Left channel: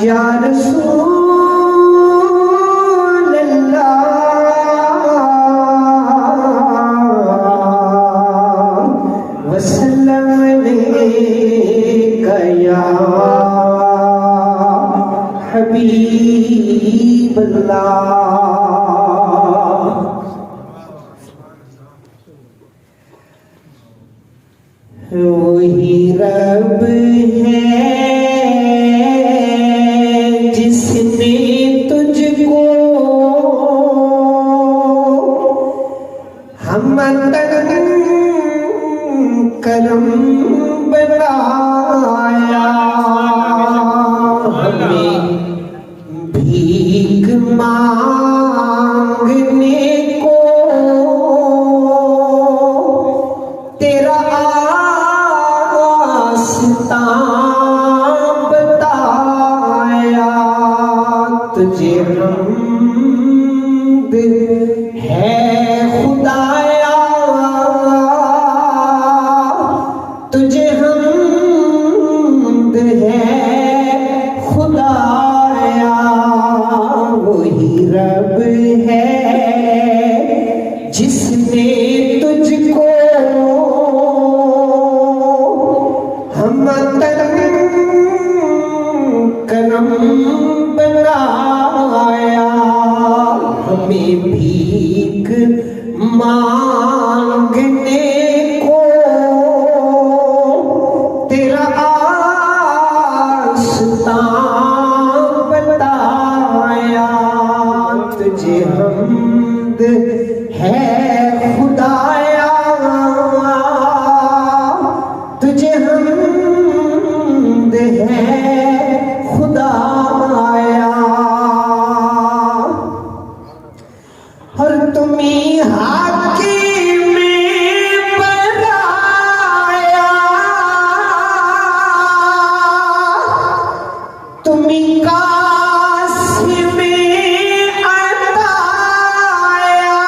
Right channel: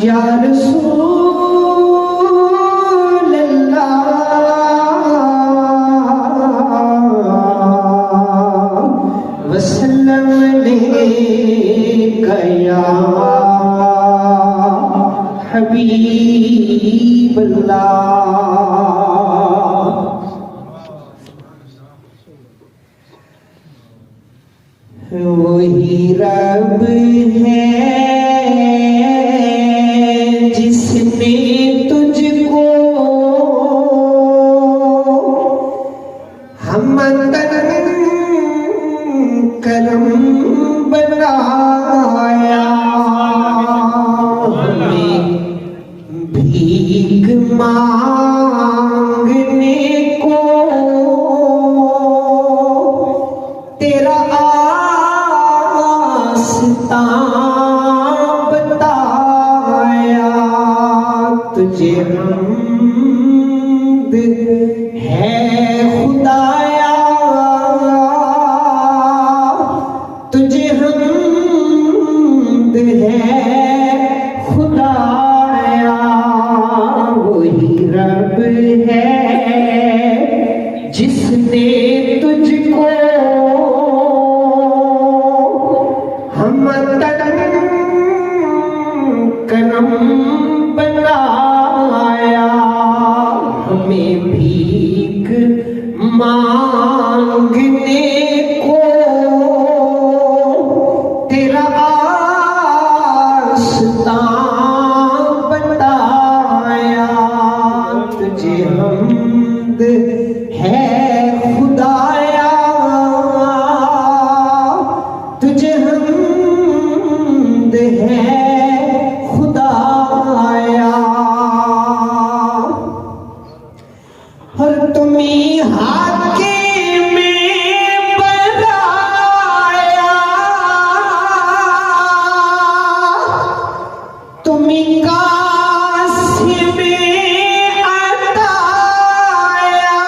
या रसूल अल्लाह वसल्लम अलैका या हबीब अल्लाह। वही रब है जिसने तुझको हमदन करम बनाया, हमें भीख मांगने को तेरा बताया। तुझे हमद है खुदाया, तुझे हमद है खुदाया। वही रब है जिसने तुझको हमदन करम बनाया, हमें भीख मांगने को तेरा आस्तां बताया। तुझे हमद है खुदाया, तुझे हमद है खुदाया। और तुम्ही हाकिम बनाया, तुम्ही कासिम अताया,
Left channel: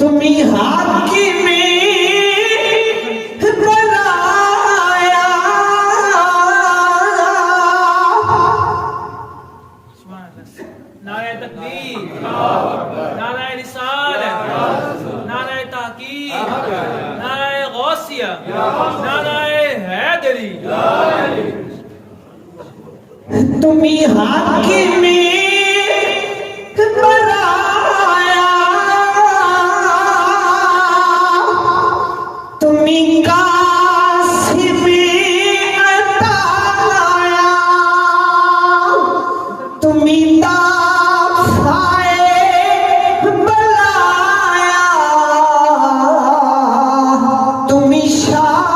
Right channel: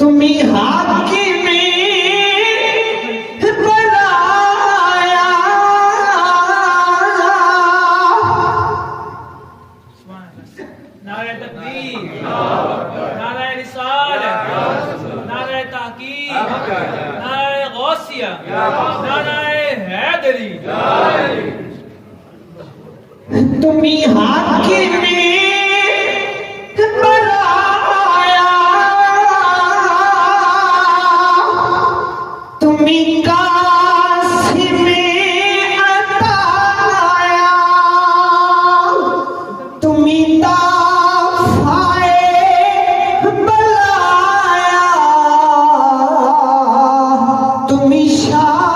तुम्ही हाकिम बनाया, नारे तकबीर, नारे रिसालत, नारे तहकीक, नारे गौसिया, नारे हैदरी। तुम्ही हाकिम बनाया, तुम्ही कासिम अताया, तुम्ही दाफ़ाए बलाया, तुम्ही शाफ़ाए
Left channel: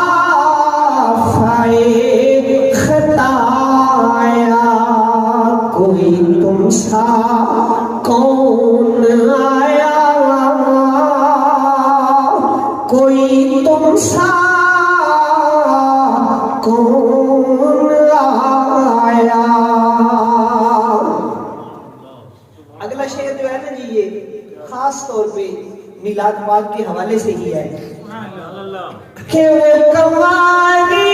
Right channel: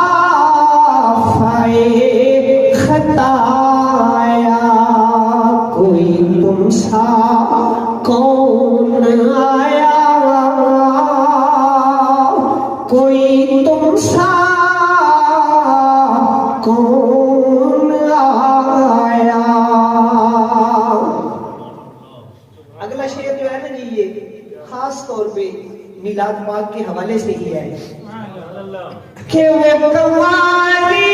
खताया। कोई तुमसा कौन आया, कोई तुमसा कौन आया। अगला शेर जो है ना जी, ये खास तौर पे मिलाद पाक के हवाले से ही है कि वो कमारी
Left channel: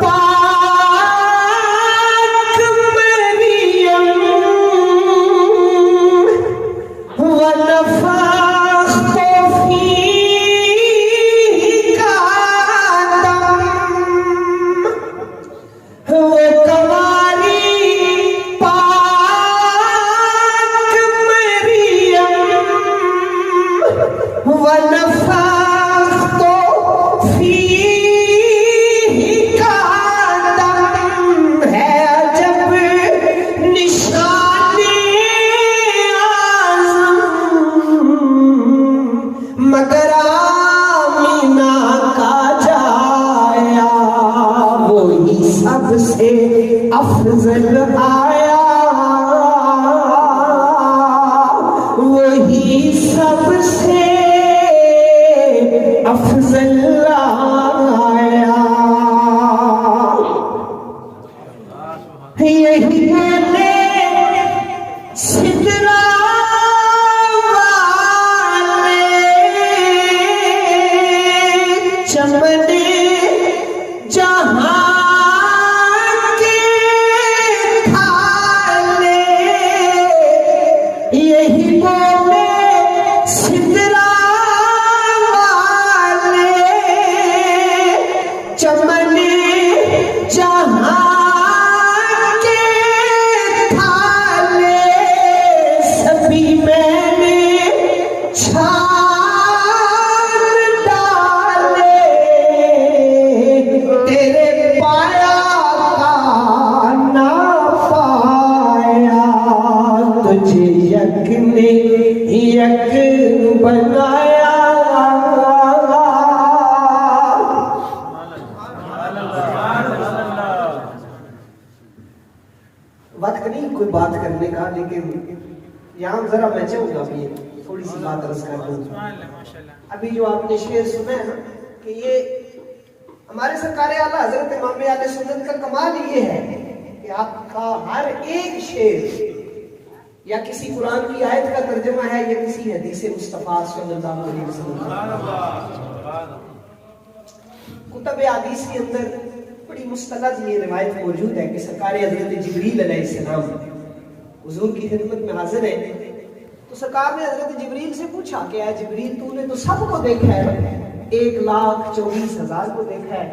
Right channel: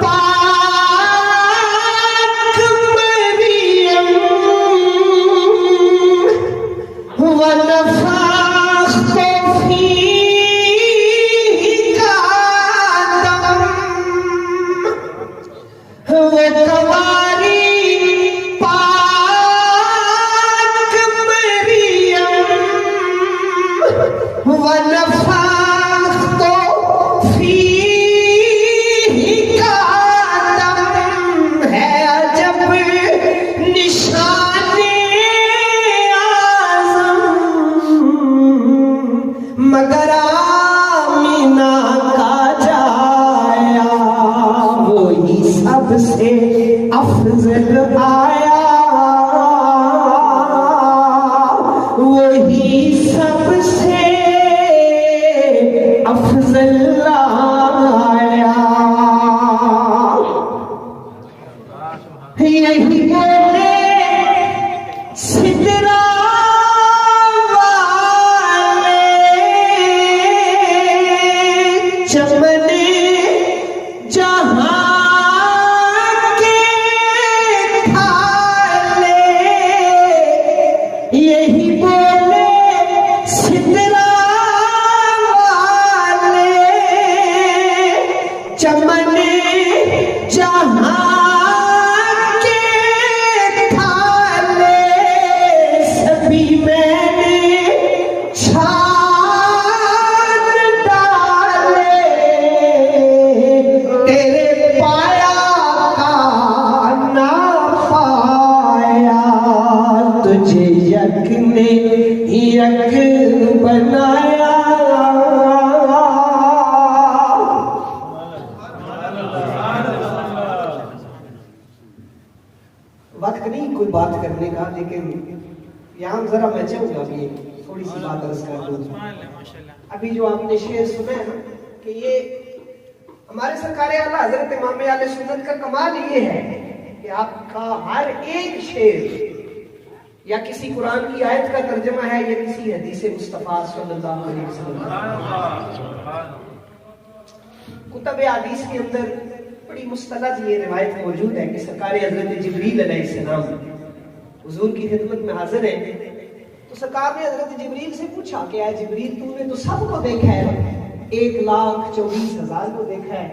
पाक मरियम वनफ़ख़्त फ़ीका दम, वो कमारी पाक मरियम वनफ़ख़्त फ़ीका दम है। जब निशाने आज़म मगर आमीना का जाया, वही सबसे अफजल आया, वही सबसे अफजल आया। यही बोले सिदरा वाले चमने जहां के थाले यही बोले सिदरा वाले चमने जहां के थाले सभी मैंने छान डाले तेरे पाया का ना पाया तुझे यक ने यक बनाया वक्त नहीं कोई बात करने का, लेकिन यहाँ जरा मैं चाहूंगा भी थोड़ी सी बात अर्ज कर दूं। अभी जो आपने शेर सुना है ना कि ये हमारे सरकार आला हजरत इमाम आले सुन्नत का कमाल ये है कि आपका हर एक शेर या किसी कुरान की आयत का तर्जुमा है या किसी हदीस मुस्तफा सल्लल्लाहु अलैहि वसल्लम। कुतुब हदीस के अंदर बड़ी मुस्तलद ये रिवायत मौजूद है कि सरकार हजरत जिब्रील अलैहिस्सलाम हुजूर की खिदमत में हाजिर है, तो सरकार ने हजरत जिब्रील से पूछा कि ऐ जिब्रील तूने तो सबको देखा है, 1,24,000 को देखा है,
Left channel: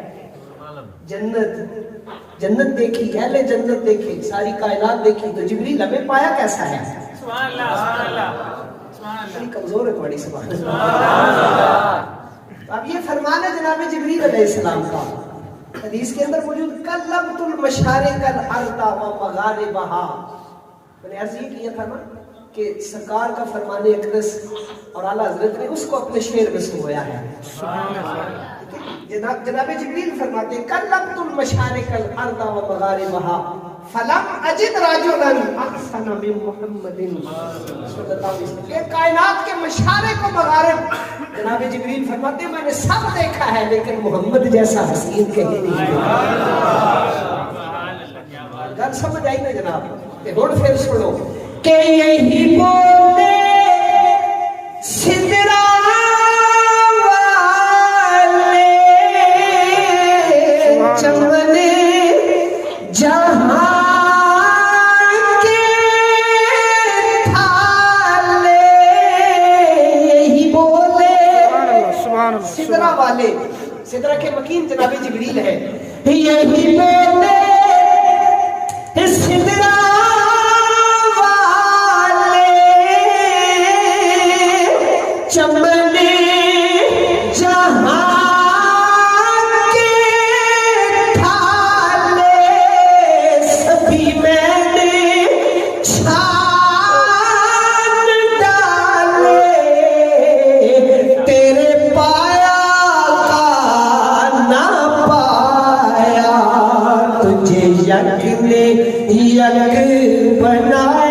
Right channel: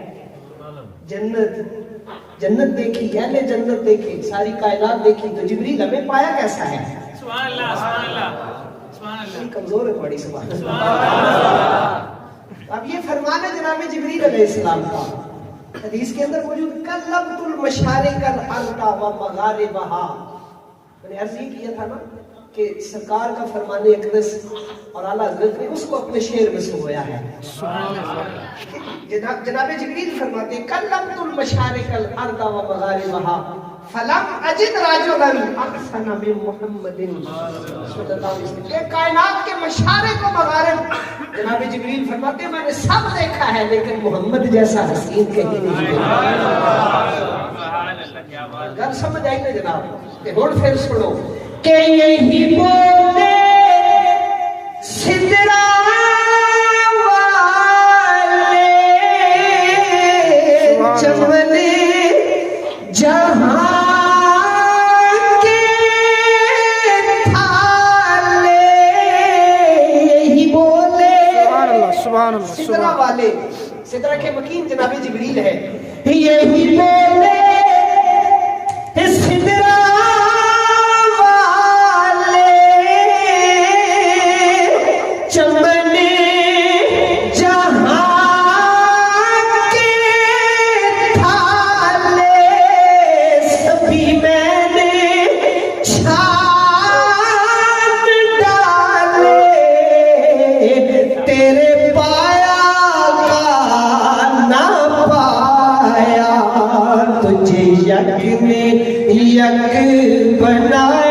जन्नत देखी, अहले जन्नत देखे, सारी कायनात देखी, तो जिब्रील हमें पाया कैसा है? सुभान अल्लाह, सुभान अल्लाह, सुभान अल्लाह। बड़ी कमजोर है तुम्हारी सुभान अल्लाह। अब ये फरमान है जनाब जिब्रील अलैहिस्सलाम का, हदीस के अंदर मौजूद कल्लबतुल मशारिकल अर्दा व मगारिबहा। मैंने अर्ज ये किया था ना कि सरकार का फरमाने अकदस और आला हजरत ने उसको अपने शेर में सुनाया है। जनाब जिब्रील फरमाते कल्लबतुल मशारिकल अर्दा व मगारिबहा फलम अजिद राजुलन अहसन मिन मुहम्मदिन सल्लल्लाहु अलैहि वसल्लम। ये कायनात के मशारिक व मगारिब जनाब जिब्रील फरमाते मैंने सब देखा है, लेकिन मोहम्मद जैसा हसीन कहीं नहीं देखा। गल समझ आई ना जनाब? होड़ फिर सुनो के यही बोले सिदरा वाले चमने जहां के थाले यही बोले सिदरा वाले। सिदरा के मकीन जनाब जिब्रील है। यही बोले सिदरा वाले चमने जहां के थाले सभी मैंने छान डाले तेरे पाया का ना पाया तुझे यक ने यक बनाया।